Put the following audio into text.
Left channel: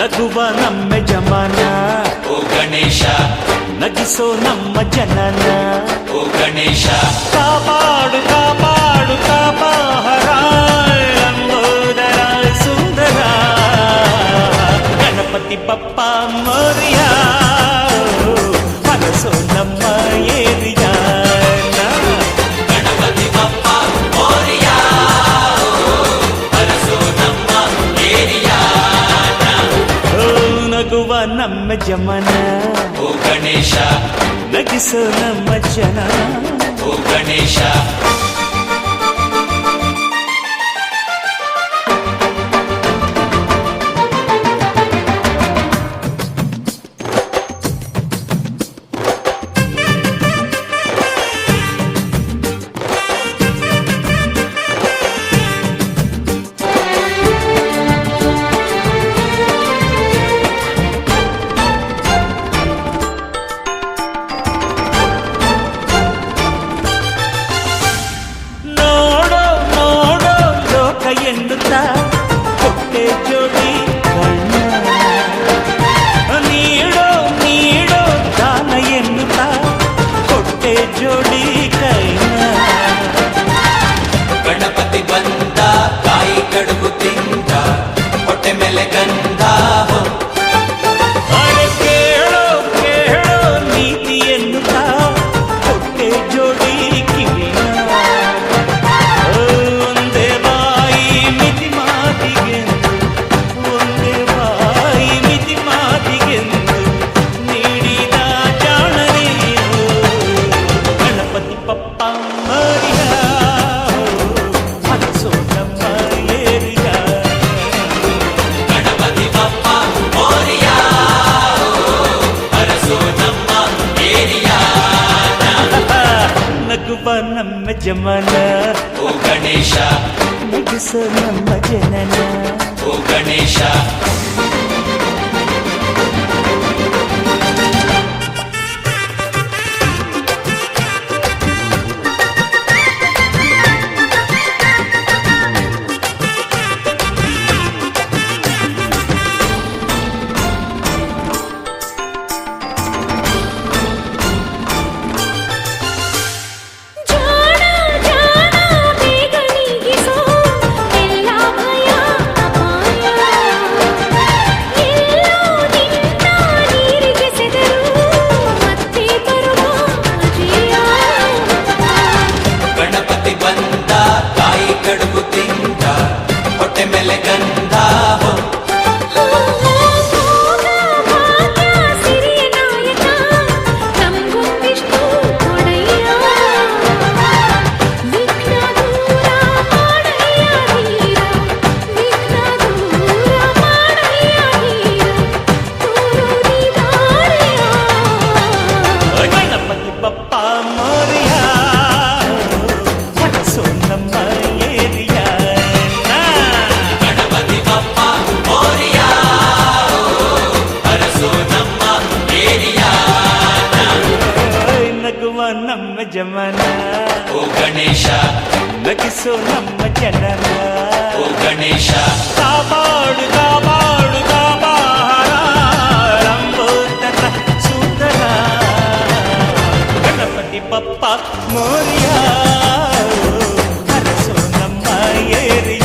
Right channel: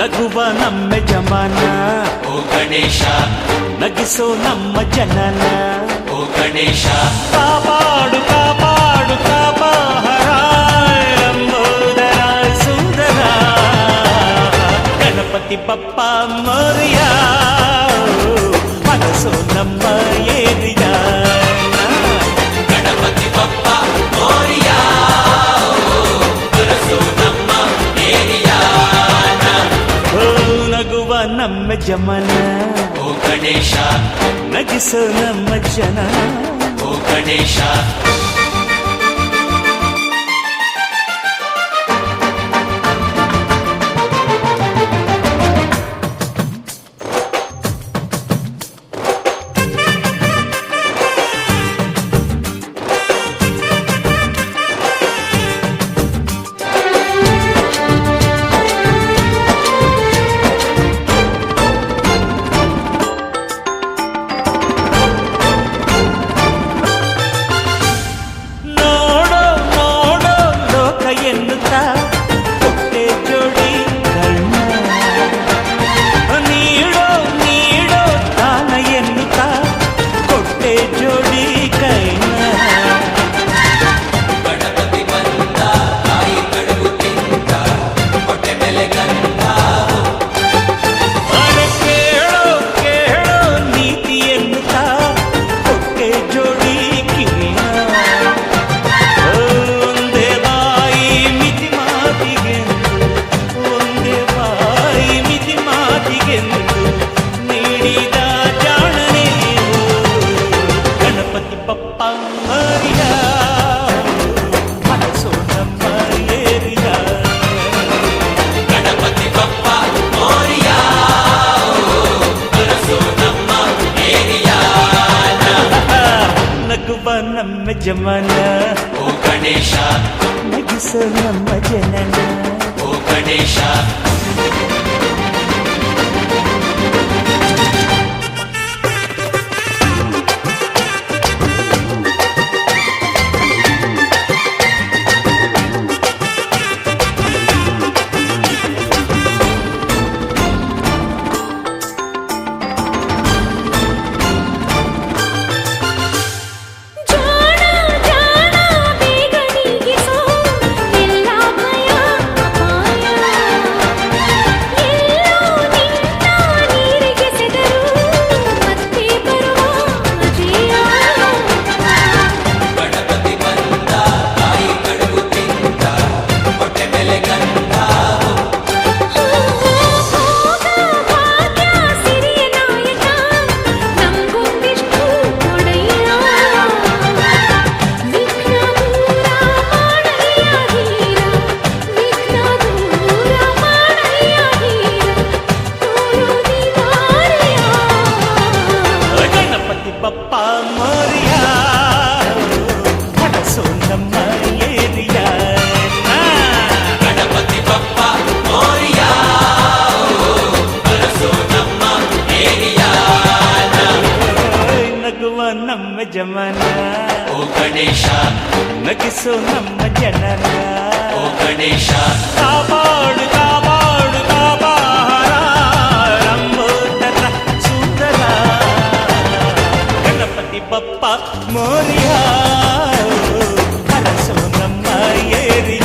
ನಗುವ ನಮ್ಮ ಜಮಾನ ಓ ಗಣೇಶ, ನಗಿಸೋ ನಮ್ಮ ಜನನ ಓ ಗಣೇಶ, ಕಾಪಾಡು ಕಾಪಾಡು ತಾಪಹರ ಲಂಬೋದರ ಸುಂದರ ಗಣಪತಿ ಬಪ್ಪ ಮೋರಿಯ ಮನಸೋ ನಮ್ಮ ಏರಿಯಾನ ಗಣಪತಿ ಬಪ್ಪ ಮೋರಿಯ ಹರಸೋ ನಮ್ಮ ಏರಿಯಾನ. ಓ ನಗುವ ನಮ್ಮ ಜಮನ ಓ ಗಣೇಶ, ನಗಿಸೋ ನಮ್ಮ ಜನ ಓ ಗಣೇಶ, ನೋಡೋ ನೋಡೋ ಲೋಕ ಎನ್ನುತ್ತಾ ಕೊಟ್ಟೆ ಜೋಡಿ ಕಣ್ಣ ನೀಡೋ ನೀಡೋ ದಾನ ಎನ್ನುತ್ತಾ ಕೊಟ್ಟೆ ಜೋಡಿ ಕೈನ ಗಣಪತಿ ಬಂದ ಕಾಯಿ ಕಡುಬು ತಿಂದ ಹೊಟ್ಟೆ ಮೇಲೆ ಗಂಧ. ಅರೆ ಕೇಳೋ ಕೇಳೋ ನೀತಿ ಎನ್ನುತ್ತಾ ಕೊಟ್ಟೆ ಜೋಡಿ ಕಿವಿನ ಒಂದೇ ಬಾಯಿ ಮಿತಿ ಮಾತಿಗೆಂದು ಒಂದೇ ಬಾಯಿ ಮಿತಿ ಮಾತಿಗೆಂದು ನೀಡಿದ ಜಾಣನೆ ಗಣಪತಿ ಬಪ್ಪ ಮರಿಯ ಮನಸೋ ನಮ್ಮ ಏರಿಯ ಗಣಪತಿ ಬಪ್ಪ ಮೋರಿಯ ಹರಸೋ ನಮ್ಮ ಏರಿಯಾನ. ನಗುವ ನಮ್ಮ ಜಮನ ಓ ಗಣೇಶ, ನಗಿಸೋ ನಮ್ಮ ಜನನ ಓ ಗಣೇಶ, ಜಾಣ ಜಾಣ ಬೇಗ ನೀಗಿಸೋ ಎಲ್ಲ ಭಯ ಅಪಾಯ ಎಲ್ಲೋ ನಿನ್ನ ನೀರಿಗೆ ಸೆದರು ಮತ್ತೆ ಬರುವ ಅಜಯ. ಗಣಪತಿ ಬಂದ ಕಾಯಿ ಕಡುಬು ತಿಂದ ಹೊಟ್ಟೆ ಮೇಲೆ ಗಂಧ. ಭೋಗ ಭಾಗ್ಯ ಸಿರಿಯ ನಾಯಕ ನಮ್ಗೊಂದಿಷ್ಟು ಕೊಡಯ್ಯ. ವಿಘ್ನ ದೂರ ಮಾಡಯ್ಯ ಧೀರ, ವಿಘ್ನ ದೂರ ಮಾಡಯ್ಯ ಧೀರ, ತೋರುದಿ ದಾರಿಯ. ಗಣಪತಿ ಬಪ್ಪ ಮೋರಿಯ ಮನಸೋ ನಮ್ಮ ಏರಿಯ ಗಣಪತಿ ಬಪ್ಪ ಮೋರಿಯ ಹರಸೋ ನಮ್ಮ ಏರಿಯಾನ. ನಗುವ ನಮ್ಮ ಜಮನ ಓ ಗಣೇಶ, ನಗಿಸೋ ನಮ್ಮ ಜನನ ಓ ಗಣೇಶ, ಕಾಪಾಡು ಕಾಪಾಡು ಕಾಪಾರ ಲಂಬೋದರ ಸುಂದರ ಗಣಪತಿ ಬಪ್ಪ ಮೋರಿಯ ಹರಸೋ ನಮ್ಮ ಏರಿಯ